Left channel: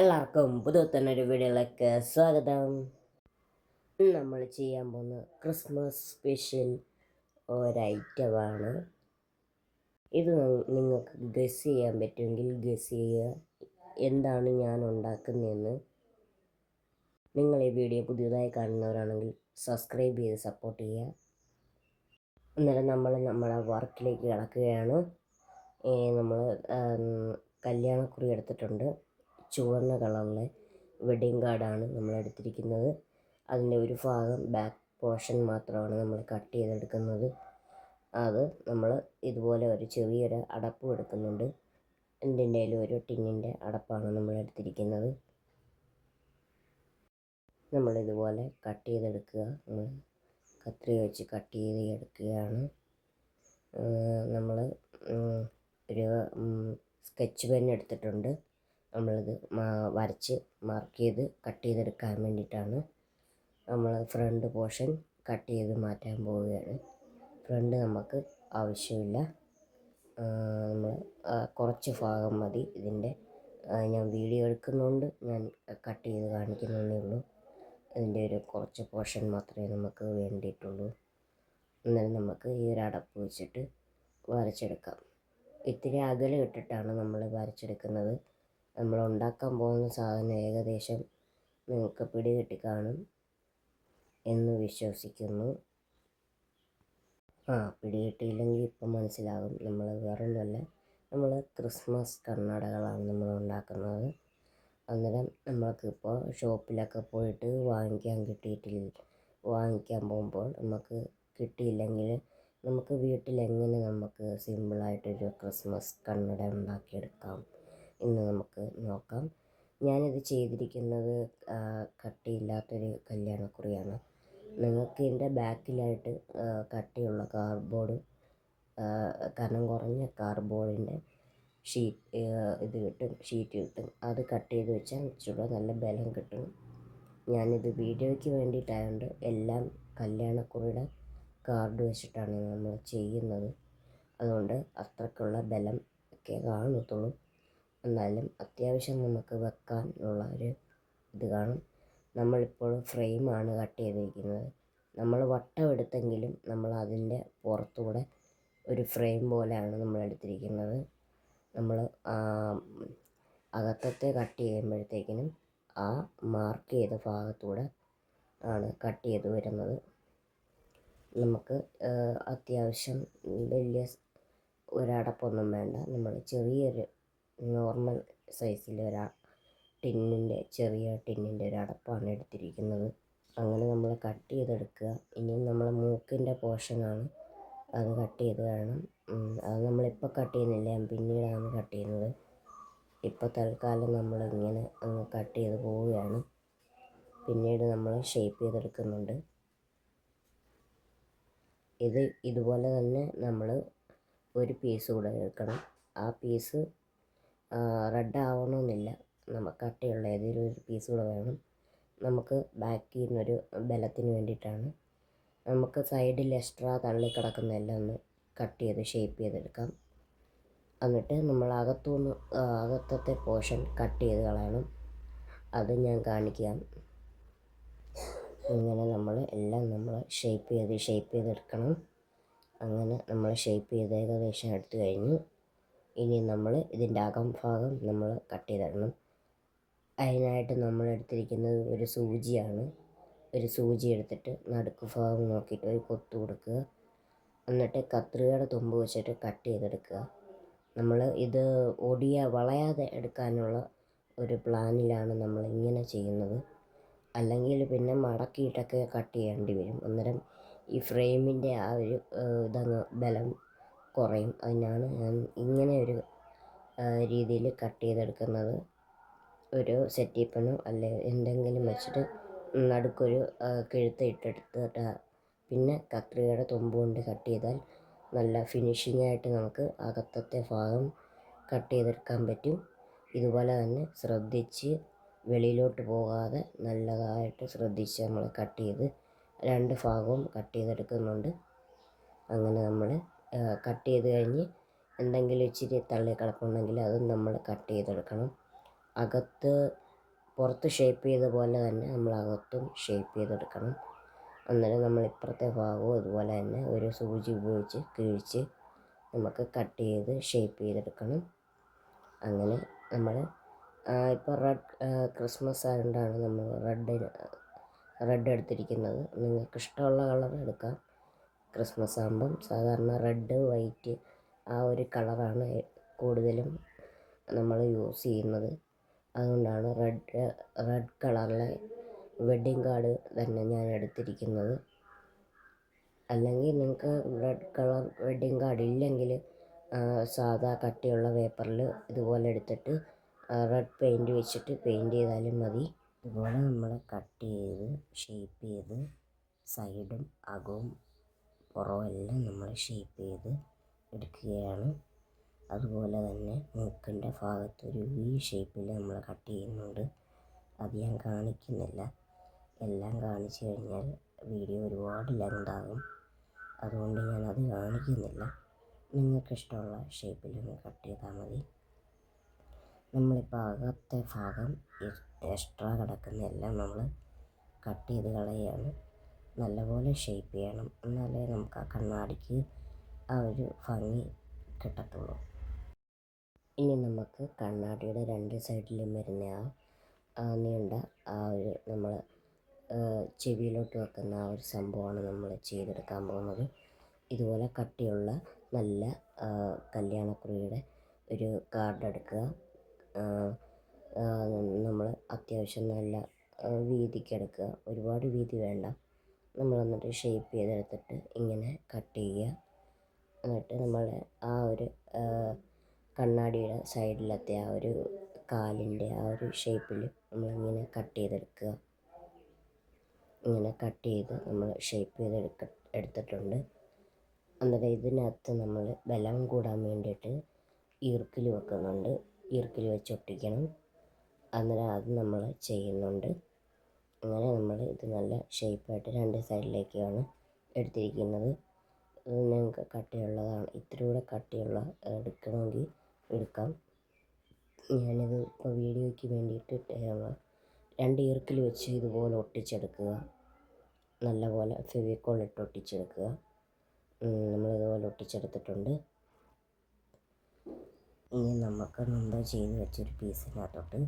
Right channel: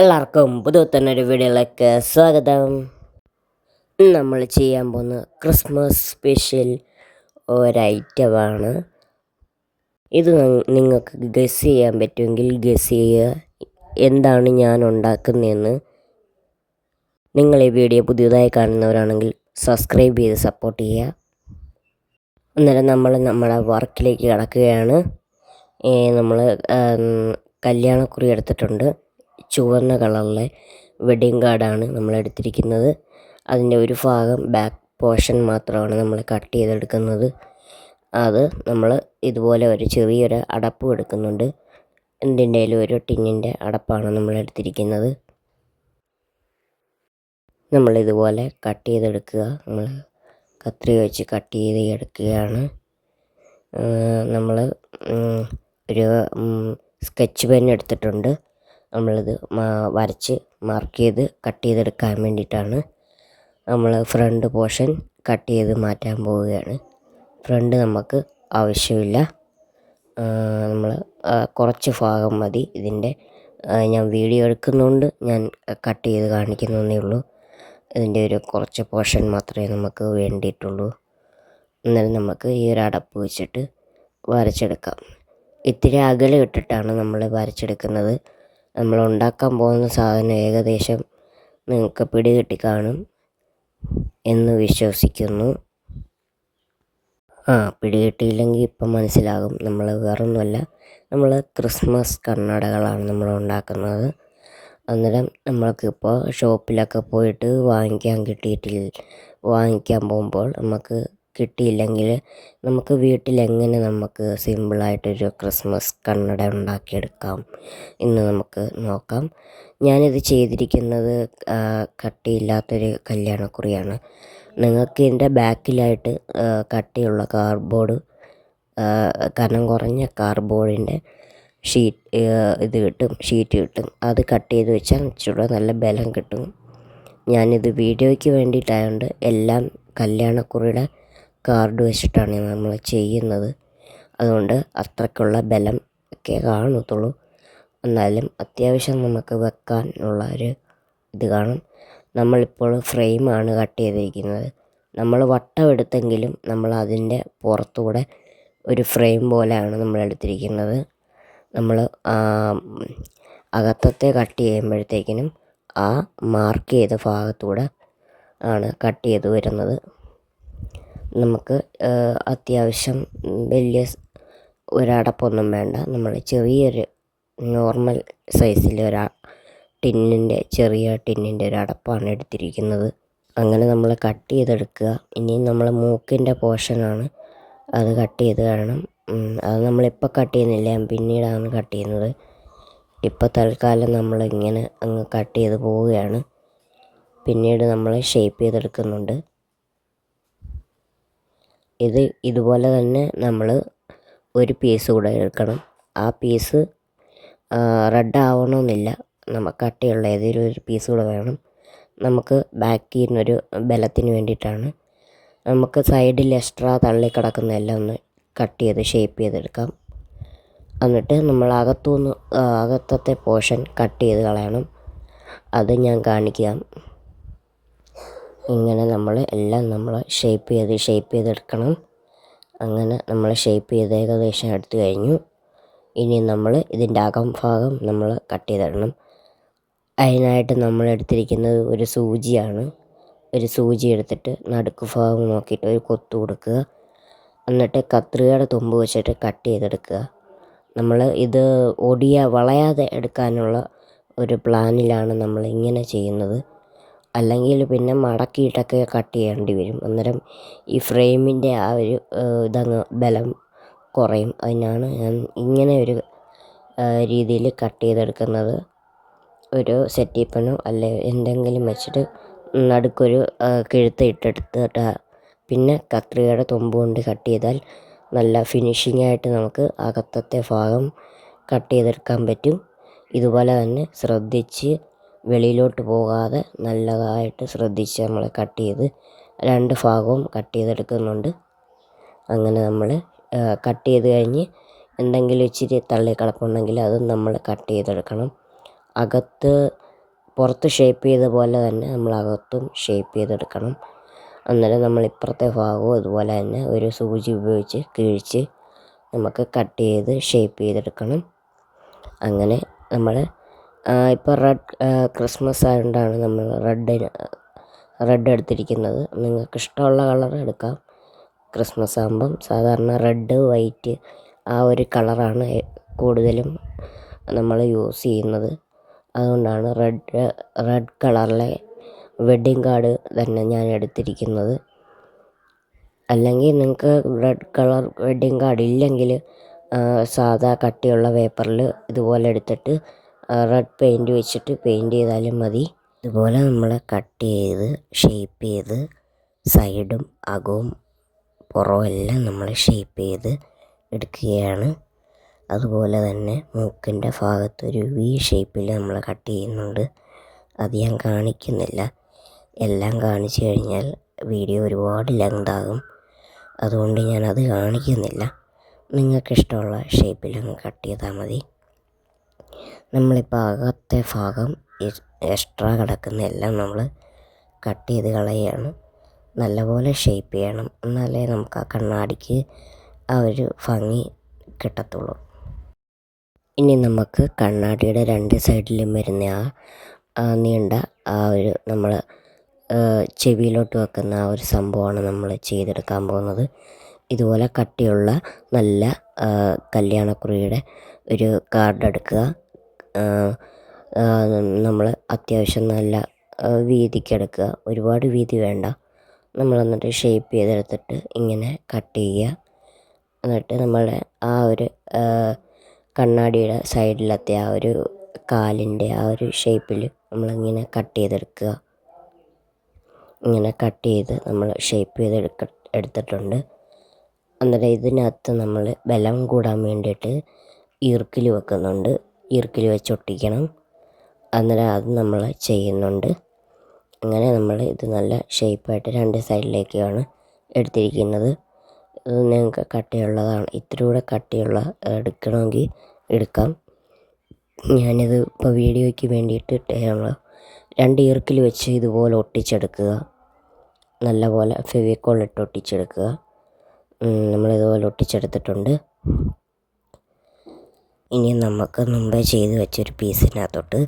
എല്ലാവർക്കും പുതുത്തന്നൊരു വീഡിയോയിലേക്ക് സ്വാഗതം. നമ്മൾ ചെയ്യാൻ പോകുന്ന ക്രിസ്മസ് സ്പെഷ്യൽ ഒരൈറ്റമാണ്. ഇത് നിങ്ങൾക്ക് ഗസ് ചെയ്യാൻ പറ്റുമെങ്കിൽ ഗസ് ചെയ്യുക എന്താണ് ഞാൻ ഉണ്ടാക്കുന്നതെന്ന്. നിങ്ങൾ ഈ വീഡിയോ പുതിയതായി കാണുന്നവരാണെങ്കിൽ സബ്സ്ക്രൈബ് ചെയ്ത് സപ്പോർട്ട് ചെയ്യുക. അന്നേരം നമ്മുടെ വർക്കിലേക്ക് കടക്കുകയാണ്. നമ്മൾ കല്യാണക്കുറി എടുത്തിട്ടുണ്ട്. ചുവന്ന കളറിലെ വെഡിങ് കാർഡാണ് നമ്മൾ എടുത്തിരിക്കുന്നത്. അതിൻ്റെ ഒരു ഭാഗം ബാക്ക് പോർഷൻ മാത്രമാണ് നമ്മൾ കട്ട് ചെയ്തെടുക്കുന്നത്. അത് നമ്മൾ ഇതുപോലെ ഒരു ചെറിയൊരു അടപ്പ് എടുക്കുന്നുണ്ട്. എന്തിൻ്റെയും ഒരു ടിന്നിൻ്റെ അടപ്പാണ് നമ്മൾ എടുത്തിരിക്കുന്നത്. നമ്മളിതുപോലെ കട്ട് ചെയ്തെടുക്കുക. നമ്മൾ കത്രിക വെച്ച് കട്ട് ചെയ്ത് എടുക്കുകയാണ്. നമ്മൾ ഒരു സ്കെച്ച് പെൻ എടുത്തിട്ടുണ്ട്. നമ്മളിത് വരച്ച് മാർക്ക് ചെയ്ത് കട്ട് ചെയ്തെടുക്കാൻ വേണ്ടിയിട്ടാണ്. നമ്മൾ ഫ്രണ്ട് പോർഷൻ കട്ട് ചെയ്ത് മാറ്റാൻ പോവുകയാണ്. ഫ്രണ്ട് നമുക്ക് ആവശ്യമില്ല. നമ്മൾ കുറച്ച് ഭാഗം മതി ഇതിൻ്റെ. ഞാൻ വീഡിയോ എടുക്കുന്നതുകൊണ്ട് ഞാൻ കട്ട് ചെയ്ത് കാണിക്കുന്നതേ ഉള്ളൂ. ഇതിൻ്റെ ഒരു കുറച്ച് പോർഷൻ മാത്രമേ നമുക്ക് വേണ്ടിയിട്ടുള്ളൂ. എന്നാലും നമുക്ക് ഈ ഒരു അടപ്പ് വെച്ചിട്ട് വരച്ചെടുക്കാം. ഇത്തിരി അകലം ഇട്ടിട്ടാണ് നമ്മൾ വരച്ചെടുക്കുന്നത്. നമ്മൾ ഉണ്ടാക്കാൻ പോകുന്ന സാധനം ഏകദേശം നിങ്ങൾക്ക് പിടികിട്ടി കാണും എന്ന് വിശ്വസിക്കുന്നു. പിടികിട്ടിയില്ലെങ്കിൽ ഇപ്പം മനസ്സിലാകും. നമ്മൾ വേറൊന്നുമല്ല, നമ്മൾ ക്രിസ്മസ് കണ്ണടകളാണ് നമ്മൾ ഉണ്ടാക്കുന്നത്. അന്നേരം നമ്മൾക്കിപ്പോൾ ഷോപ്പിലൊക്കെ പോയിട്ട് വാങ്ങിക്കാൻ പോകുമ്പോൾ നമുക്ക് കിട്ടിയില്ലെങ്കിൽ നമുക്ക് വീട്ടിലെങ്ങനെ നമുക്ക് സിമ്പിളായിട്ടൊരു ക്രിസ്മസ് കണ്ണട ഉണ്ടാക്കിയെടുക്കാം എന്ന് നമുക്ക് നോക്കാം. ഞാനിത് ചെയ്തിരിക്കുന്നത് കട്ടിയില്ലാത്തൊരു കല്യാണക്കുറിയാണ്. നിങ്ങൾക്ക് ഇതിൻ്റെ ബാക്കിലായിട്ട് കട്ടിയുള്ള കാർഡ്ബോർഡ്, കനം കുറഞ്ഞ കാർഡ്ബോർഡിൻ്റെ ഷീറ്റ് കിട്ടും. അത് കട്ട് ചെയ്ത് വെച്ചാൽ ഇച്ചിരി നല്ല ബലം കിട്ടും. ഞാനിത് വീഡിയോയ്ക്ക് വേണ്ടിയിട്ടായതുകൊണ്ട് എല്ലാം കല്യാണക്കുറിയുടെ കാർഡ് വെച്ചിട്ടാണ് നമ്മൾ ചെയ്യുന്നത്. അതുകൊണ്ട് അത്രയ്ക്കുള്ള ബലം ഒക്കെ കാണത്തുള്ളൂ. എന്നാലും അത്യാവശ്യം നമുക്ക് വെക്കാനുള്ള ഒരു ഇത് കാണും. നമ്മളിപ്പോൾ ഫ്രെയിമാണ് കട്ട് ചെയ്തിരിക്കുന്നത്. നമ്മൾ വട്ടം എടുത്തെങ്കിലും നമ്മൾ അതിൻ്റെ പുറത്തൂടെ ഒരു ഫ്രെയിം പോലെയാണ് നമ്മൾ എടുത്തിരിക്കുന്നത്. നമ്മൾ അകത്തത്തെ കട്ട് ചെയ്യുമ്പോഴത്തേക്കിനും ആ മാർക്ക് ചെയ്ത ഭാഗത്തൂടെ ആണ് കട്ട് ചെയ്ത് വരുന്നത്. നമുക്ക് അത്യാവശ്യം വലിയ ഒരടപ്പൊന്നും വേണ്ട. നമ്മൾ ചെറിയൊരു നോർമൽ സൈസിൽ ചെറിയ ടിന്നിൻ്റെ ഒരു അടപ്പാണ് എടുത്തിരിക്കുന്നത്. അങ്ങനെ നമ്മൾ കട്ട് ചെയ്തെടുക്കുക. ഇനി നമ്മൾ മൂക്കിൻ്റെ പോർഷനാണ്, അത് കട്ട് ചെയ്ത് കാണണം. അത് നമ്മളിപ്പോൾ കട്ട് ചെയ്യുന്നില്ല, ഞാൻ പിന്നീടാണ് കട്ട് ചെയ്യുന്നത്. ഇപ്പോൾ തൽക്കാലം നമ്മളിങ്ങനെ അങ്ങ് കട്ട് ചെയ്ത് പോവുകയാണ്. പിന്നീട് നമ്മൾ ഷേപ്പ് ചെയ്തെടുക്കുന്നുണ്ട്. ഇതുപോലെ തന്നെ നമ്മൾ ഒരു പീസ് കൂടെ എടുക്കണം. ആ പീസ് റെഡ് ആവണമെന്നില്ല, നമുക്ക് കട്ടിയുള്ള ഏതെങ്കിലും ഒരു പീസ് കൂടെ വേണം. നമുക്ക് ബാക്കിൽ നിന്നൊരു ബലത്തിന് വേണ്ടിയിട്ടാണ്. നമുക്ക് സൈഡിൽ എക്സ്ട്രാ തള്ളിക്കിടക്കുന്ന എല്ലാം ഒന്ന് കട്ട് ചെയ്ത് ഷേപ്പ് ചെയ്തെടുക്കാം. എന്നിട്ട് നമ്മൾ അകത്തത്തെ പോർഷൻ കട്ട് ചെയ്ത് കളയണം. അത് ഞാൻ കാണിക്കാം. ഇങ്ങനെ നമ്മൾ എല്ലാം ഷേപ്പ് ചെയ്തെടുക്കണം. അങ്ങനെ നമ്മൾ ഷേപ്പ് ചെയ്ത് ഏകദേശം എടുത്തു കഴിഞ്ഞു. ഇനി നമ്മൾ ഇതിൻ്റെ അകംഭാഗം നമ്മൾ കട്ട് ചെയ്തിടണം. അതിനായിട്ട് നമ്മൾ എടുത്തിരിക്കുന്നത് ഒരു സൂചിയാണ്. ഒരു സൂചി എടുത്തിട്ട് നടുക്ക് ഭാഗം നോക്കിയിട്ട് ഒരു കൊത്തു കൊടുക്കുക. എന്നിട്ട് കത്രികയുടെ തുമ്പ് വെച്ചിട്ട് കട്ട് ചെയ്തെടുക്കുക. നമ്മൾ ഇത് വളയാതെ എടുക്കാനുള്ള ഒരു പ്ലാനിലാണ് നമ്മൾ ഇങ്ങനെ ചെയ്യുന്നത്. അല്ലെങ്കിൽ പിന്നെ മടക്കിയിട്ടൊക്കെ കട്ട് ചെയ്യേണ്ടി വരും. അന്നേരം ഈ ഫ്രെയിമിൻ്റെ ആ ഒരു ബലം കുറയും. അതിനാണ് ഞാൻ ഇങ്ങനെ ഒരു രീതിയിൽ കട്ട് ചെയ്തെടുക്കുന്നത്. ഒരു സെറ്റിപ്പനോ അല്ലെ എന്തെങ്കിലും വെച്ചിട്ട് നടുക്കൊരു കിഴുത്ത് ഇട്ടെടുത്തിട്ട് പിന്നെ കത്രികയുടെ തുമ്പ് കൊണ്ട് കട്ട് ചെയ്താൽ നല്ല ഫിനിഷിംഗ് ആയിട്ട് നമുക്ക് അകത്തത്തെ ഭാഗം കട്ട് ചെയ്തെടുക്കാൻ പറ്റും. ഇതുപോലെ തന്നെ ശ്രദ്ധിച്ച് വെളിയിലോട്ട് പോകാതെ നല്ലതായിട്ട് ശ്രദ്ധിച്ച് നമ്മൾ കട്ട് ചെയ്ത് രണ്ട് ഭാഗവും കട്ട് ചെയ്തെടുക്കുന്നുണ്ട്. അങ്ങനെ നമ്മൾ കട്ട് ചെയ്ത് കഴിഞ്ഞ് എന്തെങ്കിലും ഇച്ചിരി തള്ളിക്കിടപ്പുണ്ടെങ്കിൽ അതും നമ്മൾ കട്ട് ചെയ്തെടുക്കണം. അകത്ത് പുറത്ത് ഷേപ്പ് ചെയ്ത പോലെ തന്നെ നമ്മൾ അകത്തും ഷേപ്പ് ചെയ്തെടുക്കണം. അന്നേരം നമ്മൾ ഇപ്പുറത്തെ ഭാഗവും ഇതുപോലെ തന്നെ ഒരു സൂചി ഉപയോഗിച്ച് കിഴിച്ച് നമുക്ക് കട്ട് ചെയ്ത് ഷേപ്പ് ചെയ്തെടുക്കണം. അങ്ങനെ നമ്മൾ ഇപ്പോൾ ക്രിസ്മസ് ആയതുകൊണ്ടാണ് നമ്മൾ റെഡ് എടുത്തിരിക്കുന്നത്. നിങ്ങൾക്ക് ഇഷ്ടമുള്ള കളർ എടുക്കാം. ക്രിസ്മസ് ആകുമ്പം സാധാരണ റെഡ്, വൈറ്റ് ആ ഒരു കളറാണ് കൂടുതലും നമ്മൾ യൂസ് ചെയ്യുന്നത്. അതുകൊണ്ടാണ് റെഡ് കളറിലെ വെഡ്ഡിങ് കാർഡ് തന്നെ ഞാൻ എടുത്തിരിക്കുന്നത്. അല്ലെങ്കിൽ നിങ്ങൾക്ക് റെഡ് കളർ വെഡ്ഡിങ് കാർഡ് ഇല്ലെങ്കിൽ സാധാ കട്ടിയുള്ള പേപ്പറിൽ ഇതുപോലെ എടുത്തിട്ട് റെഡ് പെയിൻറ്റ് വെച്ചിട്ട് പെയിൻറ്റ് ചെയ്താലും മതി. ഇതുപോലെ നമ്മൾ കട്ട് ചെയ്ത് ഷേപ്പ് ചെയ്ത് സൈഡും അകവും പുറവും എല്ലാം നമ്മൾ ഷേപ്പ് ചെയ്ത് എടുക്കുകയാണ്. അതുപോലെ തന്നെ മൂക്കിൻ്റെ ഭാഗത്ത് ഒരു വി ഷേപ്പിൽ നമ്മൾ കട്ട് ചെയ്യുന്നുണ്ട്. അത് ഞാൻ കാണിക്കുന്നില്ല. എല്ലാം കാണിച്ചു കഴിഞ്ഞാൽ വീഡിയോ ഒരുപാട് ലെങ്താകും. അതുകൊണ്ട് ഞാനത് കാണിക്കുന്നില്ല. നിങ്ങൾക്കിഷ്ടമുള്ള ഷേപ്പിലങ്ങ് കട്ട് ചെയ്താൽ മതി. നമ്മളിപ്പോൾ അകത്തെ ഭാഗം എക്സ്ട്രാ കിടക്കുന്ന എല്ലാം നമ്മൾ കട്ട് ചെയ്ത് കളയുകയാണ്. നല്ലപോലെ ഷേപ്പ് ചെയ്യണം, എന്നാലേ നമുക്ക് ആ കണ്ണാടിക്ക് ആ ഒരു ഭംഗി കിട്ടത്തുള്ളൂ. ഇനി നമുക്ക് കണ്ണാടിയുടെ രണ്ട് സൈഡിലും വരുന്ന ആ നീണ്ട ആ ഒരു നമ്മൾ ചെവിയിലോട്ട് വെക്കുന്ന ആ ഒരു സംഭവമാണ് നമ്മൾ ചെയ്തെടുക്കാൻ പോകുന്നത്. ഇതുപോലെ കട്ടിയുള്ള നല്ല കല്യാണക്കുറിയുടെ ഒരു കാർഡ് എടുക്കുക. നമ്മൾ അത്യാവശ്യം നല്ല വീതിക്കെടുക്കുക, ഒരുപാട് വീതി വേണ്ട. നമ്മൾ എന്നിട്ട് ഷേപ്പ് ചെയ്തെടുത്തിട്ട് ഇങ്ങനെ കട്ട് ചെയ്യുക. എന്നിട്ട് നമ്മളെ ആ ഒരു കണ്ണാടിയുടെ സൈഡിലത്തെ ആ ഒരു കാലിൻ്റെ ആ ഒരു ഷേപ്പിൽ നമ്മളിങ്ങനെ കട്ട് ചെയ്തെടുക്കുക. ഇങ്ങനെ കട്ട് ചെയ്ത് നമ്മൾ ഷേപ്പ് ചെയ്ത് എടുത്തിട്ടുണ്ട്. അന്നേരം ഇതിനകത്ത് നമ്മൾ ബലം കൂടാൻ വേണ്ടിയിട്ട് ഈർക്കിൽ വെക്കുന്നുണ്ട്. ഈർക്കിൽ വെച്ച് ഒട്ടിക്കണം. അന്നേരം അത് നമ്മൾ ചെയ്യുന്നുണ്ട്. അങ്ങനെ നമ്മൾ ഇത് നല്ല ഷേപ്പായിട്ട് രണ്ട് സൈഡിലേക്കാണ് എടുത്തിരിക്കുന്നത്. ഇത് നിങ്ങൾക്ക് കട്ടിയുള്ളതാണ്, ഇത്തിരി കൂടെ കട്ടിയുള്ള എടുക്കണമെങ്കിൽ എടുക്കാം. ഞാനിത് ഇപ്പോൾ വീഡിയോയ്ക്ക് വേണ്ടിയിട്ട് രണ്ട് ഈർക്കിൽ വെച്ച് ഇതുപോലെ ഒട്ടിച്ചെടുക്കുക. നല്ലപോലെ ഫെവിക്കോൾ ഇട്ട് ഒട്ടിച്ചെടുക്കുക. നമ്മളിതുപോലെ ഒട്ടിച്ചെടുത്തിട്ടുണ്ട്. ഇനി നമുക്ക് മുമ്പേ ചെയ്ത് വെച്ചൊരു പീസിനകത്തോട്ട്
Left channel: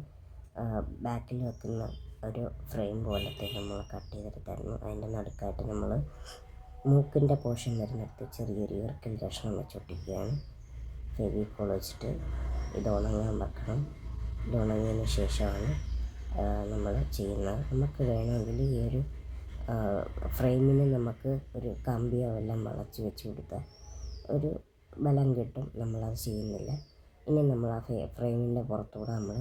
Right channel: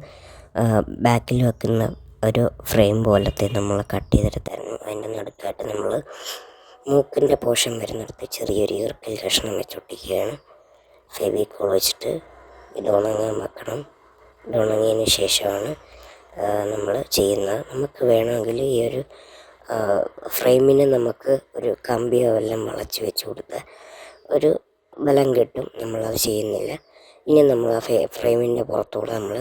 ബാക്കിൽ വെക്കുന്ന ഒരു ഫ്രെയിം പോലത്തെ നമ്മൾ കട്ട് ചെയ്തെടുത്തായിരുന്നു. അതിൻ്റെ നടുക്കായിട്ട് നമ്മൾ മൂക്കിൻ്റെ പോർഷൻ വരുന്നിടത്ത് ചെറിയൊരു ഈർക്കൽ കഷ്ണം വെച്ചൊട്ടിക്കുകയാണ്. ഫെവിക്കോൾ വെച്ചിട്ട് ഇത് ഉണങ്ങാൻ വെക്കണം. ഇത് ഉണങ്ങിയതിന് ശേഷമാണ് നമ്മൾ ചെയ്യുന്നത്. നമുക്ക് വേണമെങ്കിൽ ഈ ഒരു ഫ്രെയിമിന് നമുക്ക് ഒരു കമ്പിയോ എല്ലാം വളച്ച് വെച്ച് കൊടുത്താൽ ഒരു ബലം കിട്ടും. നമ്മളത് ചെയ്യുന്നില്ല. ഇനി നമ്മൾ ആ ഫ്രെയിമിൻ്റെ പുറത്തൂടെ നമ്മൾ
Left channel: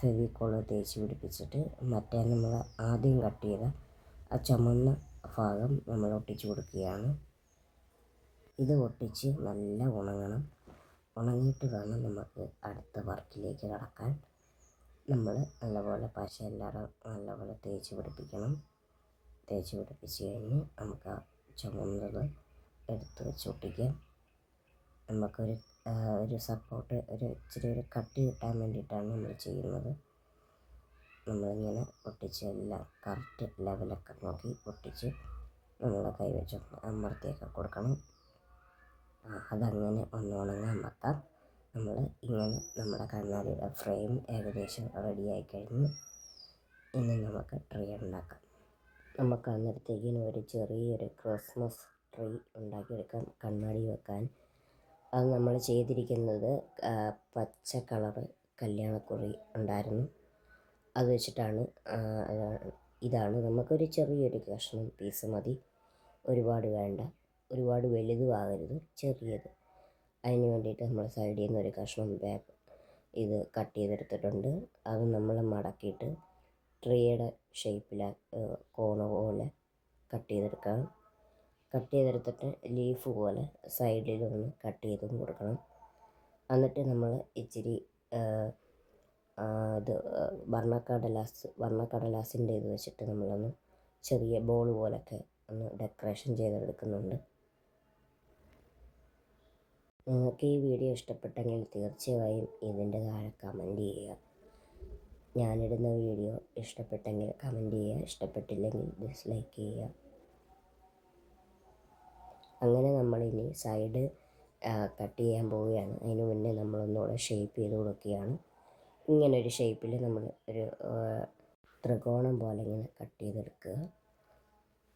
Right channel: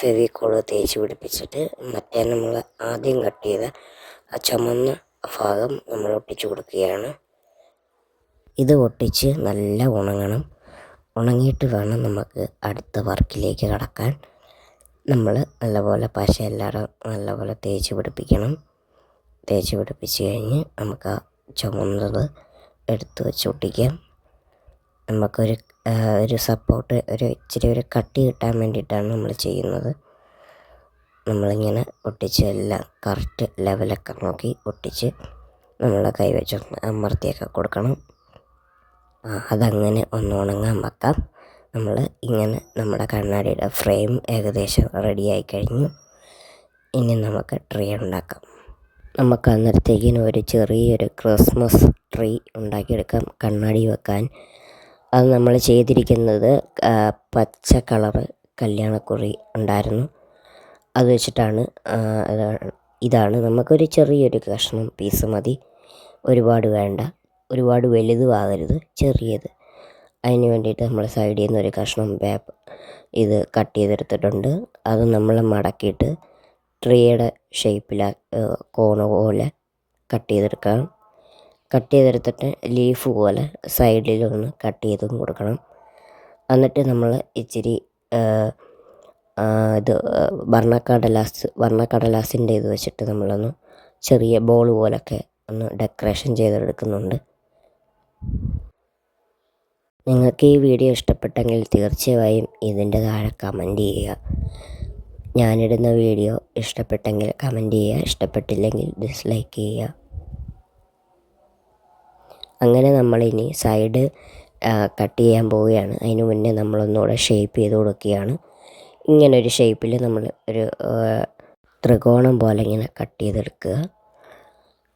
ഫെവിക്കോൾ തേച്ച് പിടിപ്പിച്ചിട്ട് മറ്റേ നമ്മൾ ആദ്യം കട്ട് ചെയ്ത ആ ചുമന്ന ഭാഗം നമ്മൾ ഒട്ടിച്ച് കൊടുക്കുകയാണ്. ഇത് ഒട്ടിച്ച് നല്ല ഉണങ്ങണം. ഉണങ്ങിയിട്ട് വേണം നമുക്ക് അടുത്ത വർക്കിലേക്ക് കടക്കാൻ. നമ്മൾ നല്ലപോലെ പശ എല്ലായിടും നല്ലപോലെ തേച്ച് പിടിപ്പിക്കണം. തേച്ച് പിടിപ്പിച്ച് കഴിഞ്ഞ് നമുക്ക് ആ ചുമന്നത് എടുത്ത് വെച്ച് ഒട്ടിക്കാം. നമുക്കൊരു സപ്പോർട്ട് ഇച്ചിരി ഒരു കട്ടി കിട്ടാൻ വേണ്ടിയിട്ടാണ് നമ്മൾ ചെയ്യുന്നത്. നമ്മളിങ്ങനെ ഒട്ടിച്ച് എല്ലാം കറക്റ്റ് ലെവലൊക്കെ നോക്കി ഒട്ടിച്ച് നമ്മളെ കൈ വെച്ചൊന്ന് അമർത്തിയൊക്കെ കൊടുക്കണം. അതങ്ങനെ ഒന്ന് ഉണങ്ങാൻ വെക്കാം. നമ്മൾ ഇങ്ങനെ നമ്മുടെ കണ്ണാടിയുടെ ഫ്രെയിം ഏകദേശം റെഡിയായി കഴിഞ്ഞു. ഇനി നമുക്ക് ട്രീ ഉണ്ടാക്കാം. നമുക്ക് അന്നേരത്തേക്കിന് ഒരു ചെറിയൊരു ക്രിസ്മസ് ട്രീ ഉണ്ടാക്കിയെടുക്കാം കണ്ണാടി വെക്കാൻ. അത് നമ്മൾ ചെയ്തിരിക്കുന്നത് പച്ച കളറ് കല്യാണക്കുറി ഉണ്ടായിരുന്നു, അത് വെച്ചിട്ടാണ്. ഇതാണ് നമുക്കൊരു ചെറിയൊരു കഷ്ണം പീസ് മതി, ഒരുപാട് വേണ്ട, ഒരുപാട് വലുതും ആകരുത്, ചെറിയത്. അതിന് വേണ്ടിയിട്ട് നമ്മൾ സൈഡിൽ നിന്ന് ഒരു കഷ്ണം ഇത് കട്ട് ചെയ്തെടുത്തിട്ടുണ്ട്. അത് നമ്മൾ മടക്കിയിട്ട് ട്രീയുടെ ഷേപ്പിൽ കോണ് പോലെ കട്ട് ചെയ്തെടുക്കാം. കട്ട് ചെയ്തെടുത്തിട്ട് ലീഫ് പോലെ സൈഡിലൊന്ന് കട്ട് ചെയ്തും കൊടുക്കണം. എന്നിട്ട് നമ്മൾ ഇച്ചിരി ഇത് വർണ്ണക്കടലാസിൻ്റെ ഇത് വെച്ചിട്ട് നമ്മളൊന്ന് ചെറിയ ബോൾ പോലൊക്കെ ഒന്ന് ഡെക്കറേഷൻ ചെയ്തെടുക്കുന്നുണ്ട്. നിങ്ങൾക്ക് ഈ വീഡിയോ ഇഷ്ടപ്പെട്ടെങ്കിൽ തീർച്ചയായും ഇതിൻ്റെ താഴെ കമൻറ്റ് ചെയ്യുക. ഞാനിടുന്ന വീഡിയോ ഇഷ്ടപ്പെട്ടെങ്കിൽ കമൻറ്റ് ചെയ്യുക, ഇഷ്ടപ്പെട്ടില്ലെങ്കിൽ ഡിസ്ലൈക്ക് ചെയ്യുക. അങ്ങനെ നമ്മളിനി സൈഡ് കട്ട് ചെയ്യാൻ പോവുകയാണ്. അതിന് മുന്നേ നമ്മളൊന്നുകൂടെ ഷേപ്പ് ചെയ്ത് കൊടുക്കുകയാണ്. ഇങ്ങനൊരു ഷേപ്പിൽ നമ്മൾ ഒരു ത്രികോണം പോലെ ഇങ്ങനെ കട്ട് ചെയ്തെടുക്കുക,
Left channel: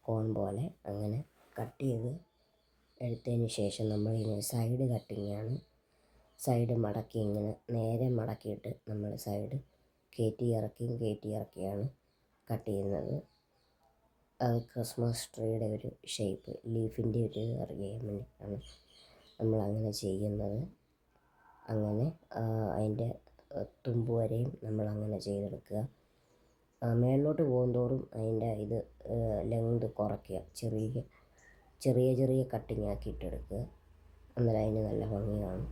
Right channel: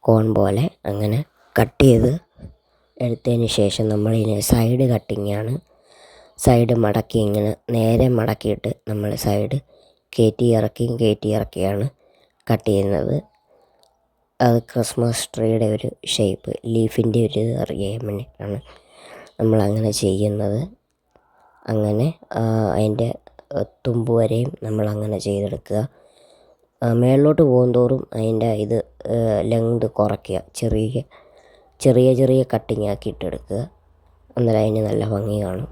കോൺ പോലെ. അങ്ങനെ കട്ട് ചെയ്ത് എടുത്തതിന് ശേഷം നമ്മളിനി സൈഡ് കട്ടിങ്ങാണ്. സൈഡ് മടക്കി ഇങ്ങനെ നേരെ മടക്കിയിട്ട് നമ്മൾ സൈഡ് കയറ്റി ഇറക്കിയാണ് കട്ട് ചെയ്യുന്നത്. അത് ക്രിസ്മസ് ട്രീയുടെ ഒരു ഷേപ്പ്, ലീഫിൻ്റെ ഒരു ഇത് അറിയാൻ വേണ്ടിയിട്ടാണ് നമ്മളങ്ങനെ ചെയ്യുന്നത്. അങ്ങനെ അതിൻ്റെ തുമ്പ് വരെയും നമ്മളങ്ങനെ ചെയ്തെടുക്കുക. മേളിലോട്ട് പോകുന്തോറും അതിൻ്റെ ഇത് ലെങ്ത് കുറയ്ക്കുക, ചെറിയ കട്ടിങ് ആക്കിയിട്ടെടുക്കുക. അന്നേരം അതിന് നല്ല ഭംഗി കാണും.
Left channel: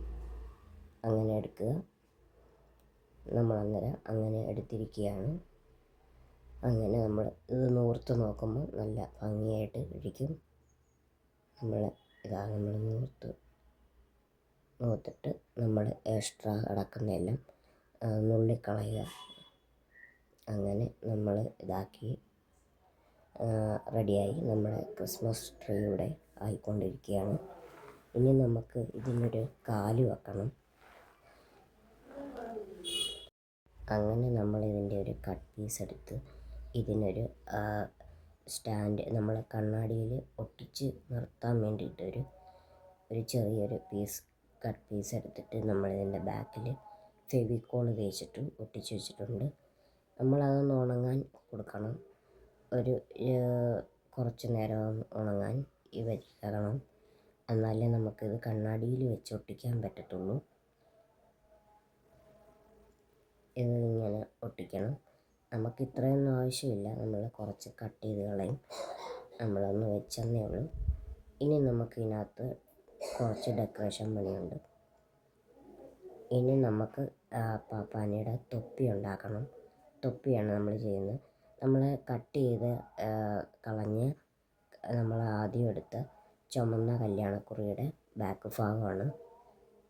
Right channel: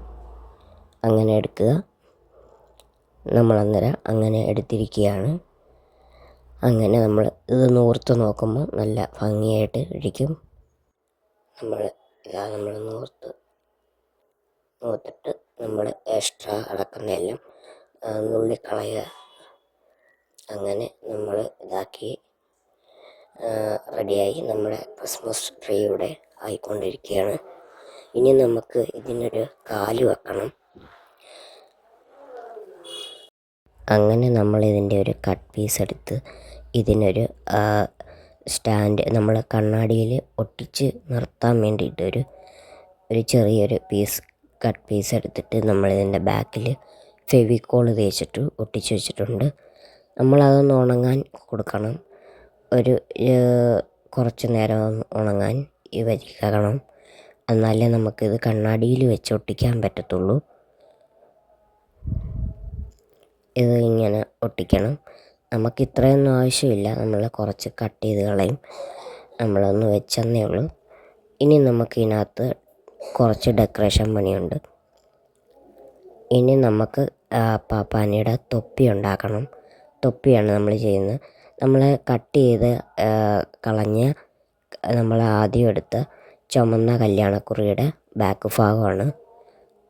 അങ്ങനെ എടുക്കുക. നമ്മളന്നേരം അങ്ങനെ എടുത്തിരിക്കുകയാണ്. അങ്ങനെ നമ്മൾ ഇത് നൂർത്ത് നോക്കുമ്പോൾ നല്ല ഭംഗിയായിട്ട് ഇരിക്കും. നമ്മൾ നൂർത്തിട്ട് നമ്മൾ എക്സ്ട്രാ അടക്കുന്നതെല്ലാം നുള്ളിക്കളയുക. അങ്ങനെ നമ്മൾ ഇതാക്കി റെഡിയായി. നമ്മുടെ ക്രിസ്മസ് ട്രീ ഇവിടെ ആയിക്കൊണ്ടിരിക്കുകയാണ്. ഇനി നമുക്ക് ഇതിനൊരു കാല് വെക്കണം. അങ്ങനെ നമ്മളിതിൻ്റെ ഒരു കട്ട് പീസ് എടുത്ത് ഇതിനൊരു സ്റ്റാൻഡ് നമ്മൾ കണ്ണാടിയിൽ ഒട്ടിച്ച് നിർത്താൻ വേണ്ടിയിട്ട് ഒരു ചെറിയൊരു കട്ട് പീസ് എടുത്തിട്ട് നമ്മളിതിൻ്റെ ബാക്കിൽ ഫെവിക്കോൾ തേച്ചിട്ട് ഒട്ടിച്ച് വെച്ചിട്ടുണ്ട്. നമ്മളതൊന്ന് ഉണങ്ങാൻ കൊടുക്കണം. ഒരു കുറച്ച് നേരം ഉണങ്ങാൻ വയ്ക്കണം. എന്നാലേ നമുക്കിത് കണ്ണാടിയിൽ വെച്ച് ഒട്ടിക്കാൻ പറ്റത്തുള്ളൂ. ഇത് ഇങ്ങനെ ഒട്ടിക്കണം. നമുക്ക് ഇത്രയൊന്നും ആവശ്യമില്ല, നമ്മൾ കുറച്ച് കട്ട് ചെയ്ത് കളയും. നമ്മളൊന്ന് വെച്ചെന്നേ ഉള്ളൂ. ഇനി നമുക്ക് ഇതിനകത്ത് കുറച്ച് ഡെക്കറേഷൻ പണിയുണ്ട്. ഇനി നമുക്ക് പാപ്പാനിയുടെ തൊപ്പി ഉണ്ടാക്കണം. തൊപ്പിയാണ് നമ്മൾ ചെയ്യുന്നത്. നമ്മൾ കട്ട് ചെയ്ത് കളഞ്ഞ് നമ്മൾ ആദ്യം എടുത്ത ചുമന്ന കല്യാണക്കുറിയുടെ ബാക്ക് ഭാഗമാണ്.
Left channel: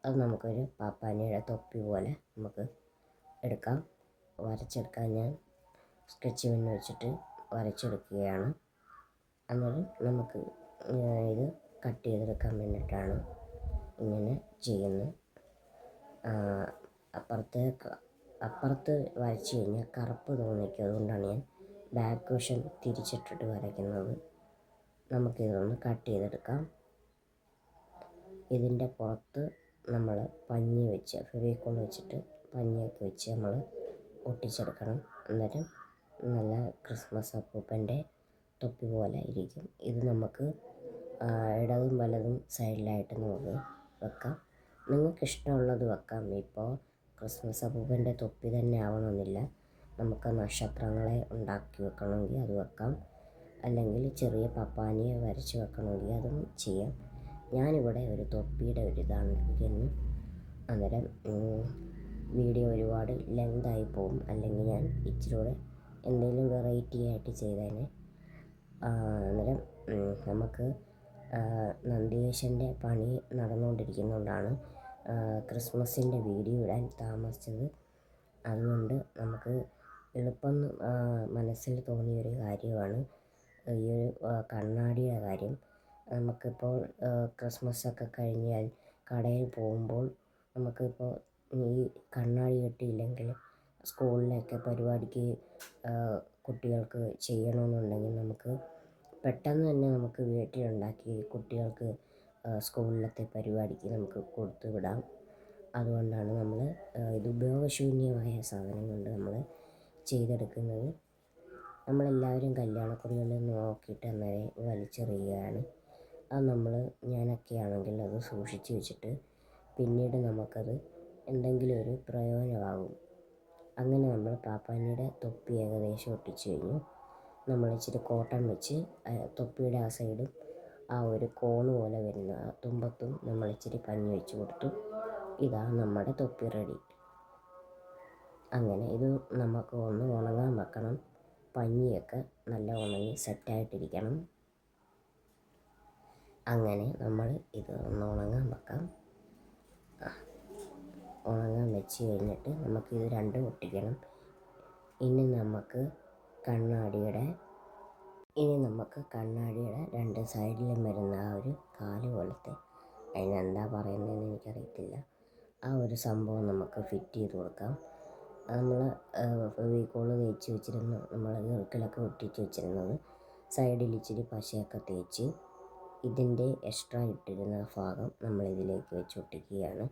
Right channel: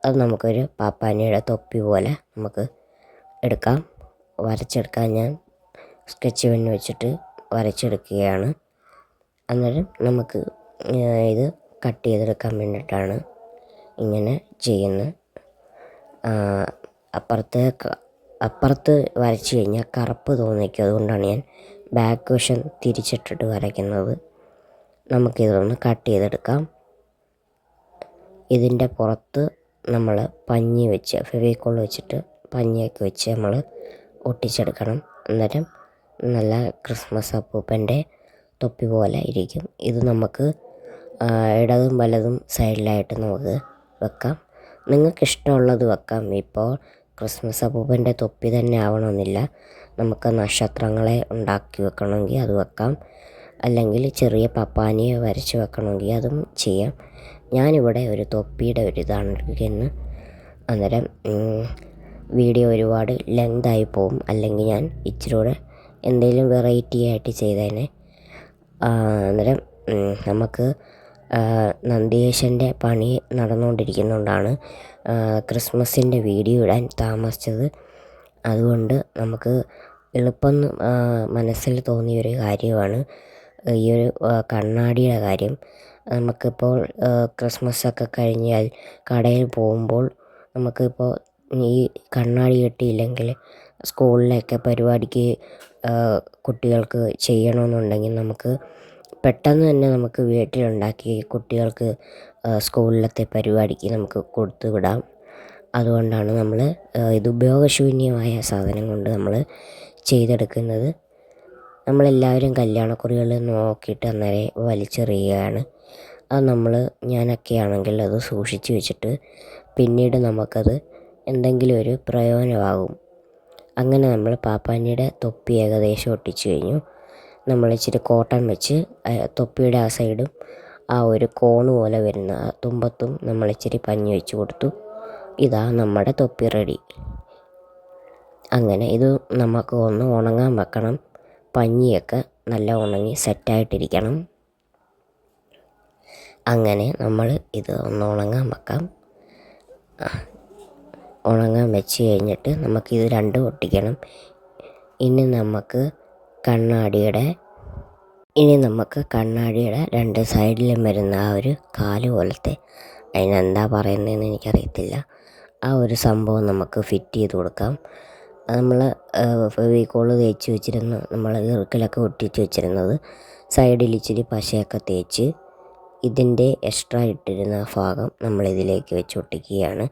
അത് നമുക്കൊരു പാപ്പാനിയുടെ തൊപ്പി പോലെ നമുക്ക് വരച്ചെടുക്കാൻ ഞാൻ സ്കെച്ച് പെന്ന് വെച്ചിട്ട് വരച്ചെടുക്കുകയാണ്. അന്നേരം നമുക്ക് ഇത് കട്ട് ചെയ്തെടുക്കാൻ വേണ്ടിയിട്ടാണ് ഇങ്ങനെ ചെയ്യുന്നത്. അപ്പുറത്ത് വരച്ച് കഴിഞ്ഞാൽ കറുപ്പ് തോന്നിക്കും. അതുകൊണ്ടാണ് ഞാൻ ബാക്ക് വശം തിരിച്ചിട്ടിട്ട് വരയ്ക്കുന്നത്. നമുക്കിതൊന്ന് കട്ട് ചെയ്തെടുക്കാം. ഇതിൻ്റെ പുറത്ത് നമ്മൾ പഞ്ഞി വെച്ച് ഫെവിക്കോൾ വെച്ചിട്ട് പഞ്ഞിയൊക്കെ വെച്ച് നമ്മൾ ഒട്ടിച്ചെടുക്കണം. അന്നേരം നല്ല ക്രിസ്മസ് അപ്പൂപ്പൻ്റെ തൊപ്പി പോലെ ഇരിക്കും. ഇത് നമുക്ക് ഇടതും വലതും സൈഡിലായിട്ട് നമുക്ക് വെക്കാം. നിങ്ങൾക്കിഷ്ടമുള്ളത് വെക്കാം. ഇപ്പോൾ ക്രിസ്മസ് അപ്പൂപ്പൻ്റെ തൊപ്പി തന്നെ ആവണമെന്നില്ല. നമുക്ക് നക്ഷത്രങ്ങളെ ഉണ്ടാക്കി വെക്കണമെങ്കിൽ അത് വെക്കാം. അല്ലെങ്കിൽ ചെറിയ പപ്പാനിയെ വരച്ച് വെക്കണമെങ്കിൽ അതും ചെയ്യാം. ഞാനിവിടെ ഒരു തൊപ്പിയുടെ ഇതാണ് എടുക്കുന്നത്. അന്നേരം വീഡിയോ ഒരുപാട് ലെങ്തായി പോവും. അല്ലെങ്കിൽ ഞാൻ ഇച്ചിരി കൂടെ എന്തെങ്കിലും വെറൈറ്റി ആയിട്ട് ചെയ്തേനെ. അന്നേരം നമുക്ക് നന്ദികേശൻ്റെ പണി നടന്നുകൊണ്ടിരിക്കുന്നതുകൊണ്ടാണ് ക്രിസ്മസിൻ്റെ വീഡിയോ ഇടാൻ താമസിച്ചത്. അതുകൊണ്ട് നമുക്ക് എളുപ്പം മനസ്സിൽ തോന്നിയൊരു കാര്യമാണ് ഈ ഒരു കണ്ണാടിയുടെ കാര്യം. നമുക്കിപ്പോൾ ക്രിസ്മസൊക്കെ കഴിഞ്ഞാൽ കടയിൽ പോകുമ്പോൾ നമുക്കിപ്പോൾ ഈ കണ്ണാടി കിട്ടിയില്ലെങ്കിൽ സ്കൂളിലൊക്കെ പരിപാടിക്ക് കുട്ടികൾക്ക് ചെയ്യണമെന്നുണ്ടെങ്കിൽ നമുക്ക് പെട്ടെന്ന് തന്നെ നമുക്ക് വീട്ടിലുണ്ടാക്കി കുട്ടികൾക്ക് സ്കൂളിലത്തെ പരിപാടിക്ക് നമുക്ക് കൊടുത്തു വിടാം. അതുകൊണ്ടാണ് നമ്മൾ ഇത് ഉപയോഗശൂന്യമായ സാധനം കൊണ്ട് നമ്മൾ ചെയ്തെടുക്കുന്നത്. നമ്മളെല്ലാവരും കല്യാണക്കുറികൾ നോക്കിയിട്ട് അന്നേരം വലിച്ചെറിയുകയാണ്. അത് ഞാനൊക്കെ ആണെങ്കിൽ അത് സൂക്ഷിച്ച് വെച്ചിട്ട് പിന്നീട് നമുക്കത് എന്തെങ്കിലും ഒരു പ്രയോജനമാകും. അങ്ങനെ നമ്മൾ പാപ്പാനിയുടെ തൊപ്പി ഏകദേശം ഒട്ടിച്ചു കഴിഞ്ഞു. നമ്മൾ ഇച്ചിരി കോട്ടൺ വെച്ച് തൊപ്പിയുടെ ആ സൈഡും ആ ഒരു കോണ് പോലെ വരുന്ന ആ തുമ്പത്തും നമ്മൾ ഇച്ചിരി പഞ്ഞി വെച്ച് കൊടുത്തു. ഇതാ നമ്മുടെ തൊപ്പി റെഡി. അങ്ങനെ ഇത് നമുക്ക് ഒന്ന് ഉണങ്ങാൻ വെക്കണം. പഞ്ഞിയൊക്കെ നല്ല ഉണങ്ങി സെറ്റായിട്ടിരിക്കണം. അങ്ങനെ നമ്മൾ ഇത് ഒന്ന് ഉണങ്ങാൻ വെക്കാം. ഉണങ്ങാൻ വെച്ച് കഴിഞ്ഞിട്ട് നമുക്കിത് രണ്ടും ഒട്ടിക്കണം. ഇനി നമുക്ക് കണ്ണാടിയുടെ രണ്ട് സൈഡിലും വരുന്ന ആ ഒരു കാല് പോലത്തെ, അതിനെന്താ പറയുന്നതെന്ന് എനിക്കറിയത്തില്ല, ആ ഒരു സംഭവം നമുക്ക് ഫിറ്റ് ചെയ്ത് കൊടുക്കാം. നമ്മൾ ഫെവിക്കോൾ തേച്ച് വെച്ചിരുന്ന, നമ്മൾ ഇറുക്കിലൊക്കെ ഒട്ടിച്ച് വെച്ചിരുന്നത് സൈഡിൽ ഇച്ചിരി പശയൊക്കെ തേച്ച് ഇതിൻ്റെ എക്സ്ട്രാ ഇട്ടിരുന്ന ഭാഗം നമ്മളിതിലേക്ക് വെച്ച് ഒട്ടിക്കുകയാണ്.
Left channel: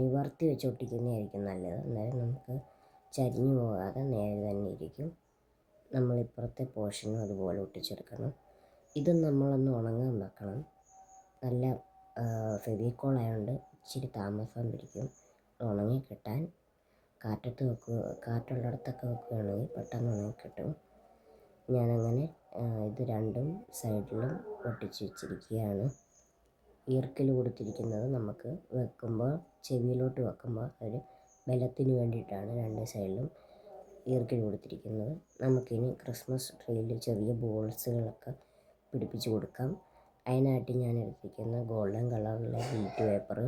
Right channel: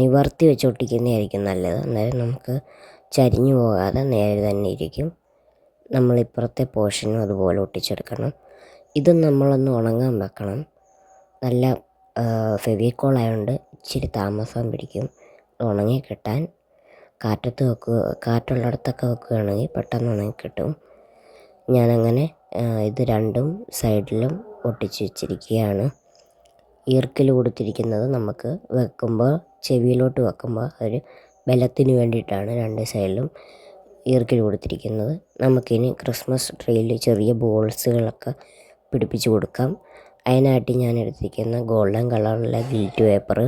നിവർത്തി വെച്ച് ഒട്ടിക്കുന്നതായിരിക്കും നല്ലത്, അന്നേരം നമുക്ക് ചരിഞ്ഞു പോകാതെ നേരെ തന്നെ ഇരിക്കും. നമ്മളിപ്പുറത്തെ പോർഷനും അതുപോലെ ഒട്ടിച്ചെടുക്കണം. ഇതും നമ്മളൊന്ന് ഉണങ്ങാൻ വെക്കണം. നല്ല ഫെവിക്കോൾ ആയതുകൊണ്ട് ഇച്ചിരി താമസം പിടിക്കും ഉണങ്ങി കിട്ടാൻ. കാറ്റുള്ളിടത്തൊക്കെ വെക്കുകയാണെങ്കിൽ പെട്ടെന്ന് ഉണങ്ങി കിട്ടും. ഞാനങ്ങനെ ഇത് രണ്ടും സൈഡിലും ഒട്ടിച്ച് വെച്ചിരിക്കുകയാണ്. ഈർക്കിൽ കൊടുത്തിരിക്കുന്നത് നമുക്ക് വെക്കുമ്പോൾ, ചെവിയിലോട്ട് വെക്കുമ്പോൾ ഒരു ബലത്തിന് വേണ്ടിയിട്ടാണ് രണ്ട് സൈഡിലും ഈർക്കിൽ കൊടുത്തിരിക്കുന്നത്. നമുക്കിനി ക്രിസ്മസ് ട്രീയിൽ ചെറിയ ബോൾസുകളൊക്കെ പിടിപ്പിച്ച് കൊടുക്കാം. അതിനായിട്ട് ഞാൻ എടുത്തിരിക്കുന്ന ഗോൾഡൻ കളറിലെ ഗിൽറ്റ് പേപ്പർ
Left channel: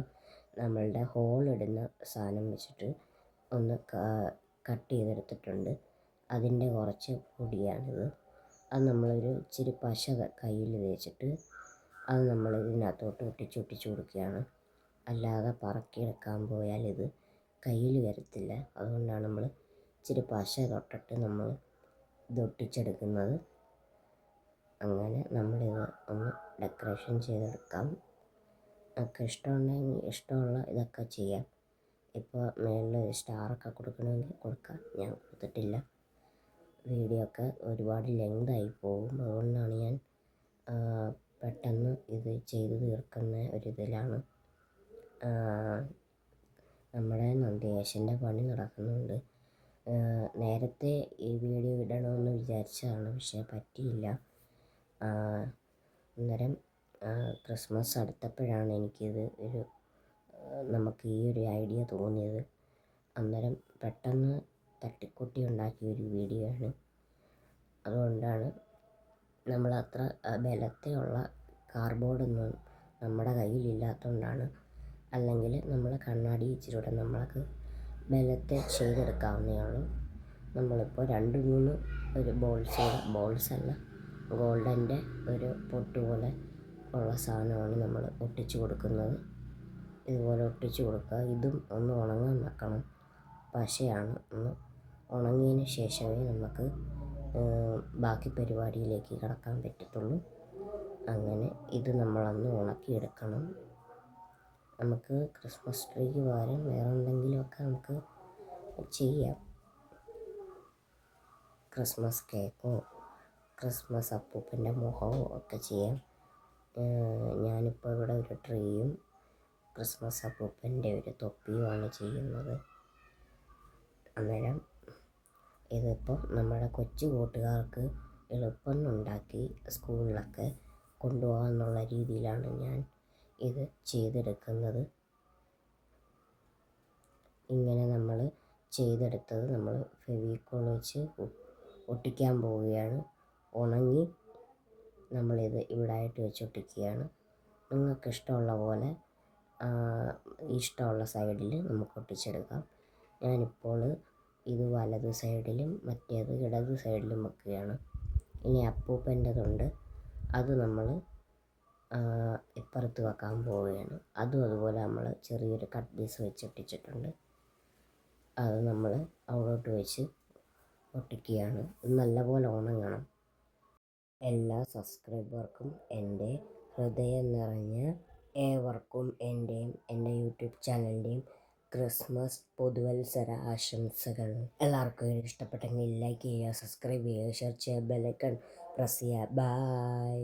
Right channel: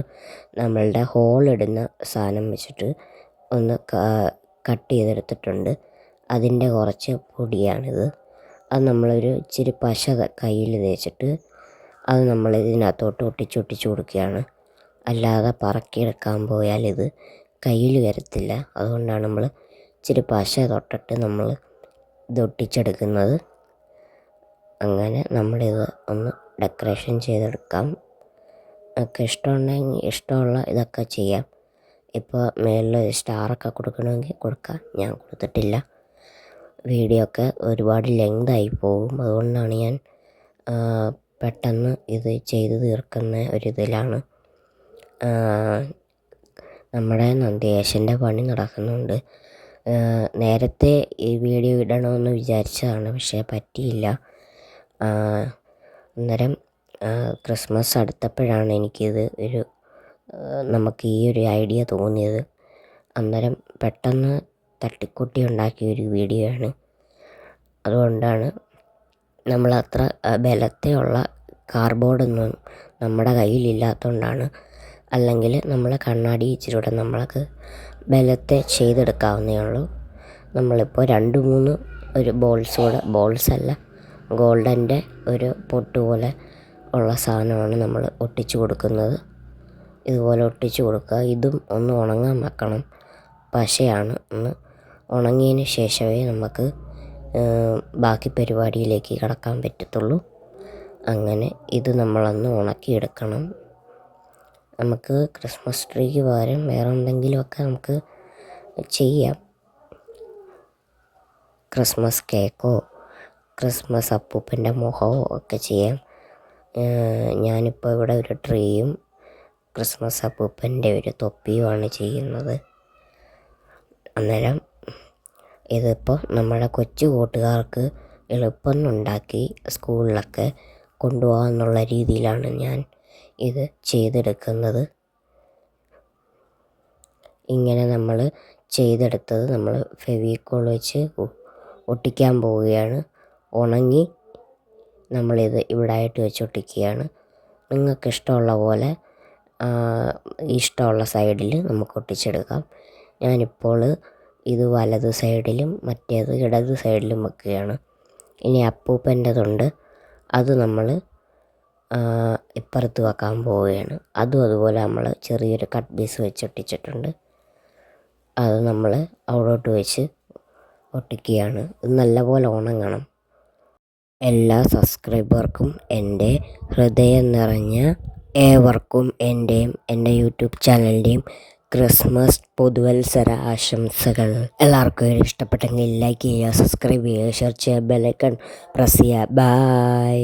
നമ്മളുടെ ഹോളിടുന്ന സാധനം വെച്ചിട്ട് ഒന്ന് കട്ട് ചെയ്തെടുത്തിട്ടുണ്ട്. അതിൻ്റെ കുറച്ച് പൊടിയാണിത്. അത് നമ്മളൊരു ഇച്ചിരി പശ കയ്യിൽ തേച്ചിട്ട് അത് നമ്മൾ ഇതിനകത്തോട്ട് ഒട്ടിച്ച് കൊടുക്കുകയാണ്. അല്ലാതെ പറക്കിയെടുക്കാൻ പോയാൽ ഇത് കയ്യിൽ വരത്തില്ല. അതുകൊണ്ടാണ് നമ്മൾ ഇച്ചിരി പശ തൊട്ടിട്ട് നമ്മൾ ഇത് ഒട്ടിച്ചെടുക്കുന്നത്. അങ്ങനെ നമ്മളിത് ഒന്ന് ഡെക്കറേഷൻ ചെയ്തെടുക്കാം. ഒക്കെ ഇഷ്ടമുണ്ടെങ്കിൽ ഇഷ്ടമുള്ള ഇതൊക്കെ ചെയ്യാം. ഇപ്പോൾ മേളിൽ സ്റ്റാറൊക്കെ കൊടുക്കണമെങ്കിൽ കൊടുക്കാം. ഞാൻ കൊടുത്തിട്ടില്ല. വീഡിയോ ഒക്കെ ഒരുപാട് ലെങ്തായി പോകും. അതുകൊണ്ടാണ് ഞാൻ പെട്ടെന്ന് ഇത് ചെയ്ത് തീർക്കുന്ന ഒരിതിലാണ്. നമ്മുടെ നന്ദികേശൻ്റെ പണി നടക്കുന്നുണ്ട്. നേരത്തെ ഈ വീഡിയോ ഇടണമെന്ന് വിചാരിച്ചതാണ്, പക്ഷേ പറ്റിയില്ല. അന്നേരം ക്രിസ്മസ് അടുത്തപ്പോഴാണ് എനിക്കിത് നമുക്ക് ഈ ഒരു ഐഡിയ തോന്നിയത്. അന്നേരം പെട്ടെന്ന് തട്ടിക്കൂട്ടി ഉണ്ടാക്കിയ ഒരു വീഡിയോ ആണ്. അതുകൊണ്ടാണ് നമ്മളത്ര ബലത്തിലുള്ള കാർഡ്ബോർഡൊന്നും നമ്മുടെ കയ്യിലില്ലാത്തതുകൊണ്ടാണ്. അല്ലെങ്കിൽ നമ്മൾ കണ്ണാടി ഇച്ചിരൂടെ നമ്മൾക്ക് ബലത്തെ ചെയ്തെടുക്കാവുന്നേ ഉള്ളൂ. നമ്മളിപ്പോൾ 2-3 ഒരു ബോൾസല്ല, ഗോൾഡൻ്റെ ഒരു പൊട്ട് പോലെ ഉള്ള സാധനമാണ് നമ്മൾ ഒട്ടിച്ച് കൊടുക്കുന്നത്. ഇതുപോലെ ഒട്ടിച്ച് കൊടുക്കുക. ഇതും ഒന്ന് ഉണങ്ങാൻ വെക്കണം. പശയാണ്. ഒന്ന് ഉണങ്ങിയതിന് ശേഷമേ നമുക്ക് ബാക്കി പരിപാടിയിലേക്ക് കടക്കാൻ പറ്റത്തുള്ളൂ. അങ്ങനെ ഇത് നമ്മളൊന്ന് ഉണക്കിയെടുക്കണം. നമുക്ക് ക്രിസ്മസ് ട്രീക്ക് പകരം വേറെ എന്തെങ്കിലുമൊക്കെ നമുക്ക് ചെയ്യാം. ക്രിസ്മസ് കേക്കോ ക്രിസ്മസ് അപ്പൂപ്പൻ്റെ മുഖമോ ഒക്കെ ചെയ്യാം. ഞാനിപ്പോൾ ഇവിടെ ഒരു ട്രീയും ക്രിസ്മസ് അപ്പൂപ്പൻ്റെ ഒരു തൊപ്പിയുമാണ് ചെയ്യുന്നത്. അന്നേരം ഇതിപ്പോൾ നമ്മുടെ കൊച്ചു കൂട്ടുകാർക്ക് എളുപ്പം ഉണ്ടാക്കി സ്കൂളിലൊക്കെ കൊണ്ടുപോകാമെന്നുള്ള രീതിയിലാണ് ഞാൻ ഇത് ചെയ്തെടുക്കുന്നത്. ഇങ്ങനെ നമ്മൾ ചെയ്തെടുത്തത് നമ്മൾ ഫെവിക്കോൾ വെച്ച് ഒട്ടിക്കാൻ പോവുകയാണ്. ഉണങ്ങി നമ്മളിത് ഇവിടായിട്ട് വെച്ച് ഒട്ടിക്കുകയാണ്. നിങ്ങൾക്ക് ഇഷ്ടമുള്ള പോലെ ഇഷ്ടമുള്ള സൈഡിൽ നമുക്ക് ഒട്ടിച്ചെടുക്കാം. ഞാനിപ്പോൾ ഇത് വലത് സൈഡിലും മറ്റേത് ഇടത് സൈഡിലും വെക്കുകയാണ്. ഇനി അപ്പൂപ്പൻ്റെതുണ്ട്, അത് നമ്മൾ ഇപ്പുറത്ത് വെക്കാൻ പോവുകയാണ്. അതുപോലെ നമ്മൾ ചെറിയൊരു കട്ട് പീസ് വെച്ച് ഒട്ടിച്ചിട്ടുണ്ട്. അത് നമ്മൾ അവിടോട്ട് വെച്ച് ഒട്ടിക്കുകയാണ്. ഇത് നല്ലപോലെ ഉണങ്ങണം. എല്ലാ സബ്സ്ക്രൈബർക്കും എൻ്റെ ഹൃദയം നിറഞ്ഞ ഏവർക്കും എൻ്റെയും എൻ്റെ യൂട്യൂബ് ചാനലിൻ്റെയും ക്രിസ്മസ് പുതുവത്സര ആശംസകൾ. എല്ലാവർക്കും ഇഷ്ടപ്പെട്ടെങ്കിൽ ലൈക്ക് ചെയ്യുക, സബ്സ്ക്രൈബ് ചെയ്യുക, ഷെയർ ചെയ്യുക, ബെൽ ഐക്കൺ പ്രസ് ചെയ്യുക. ബൈ.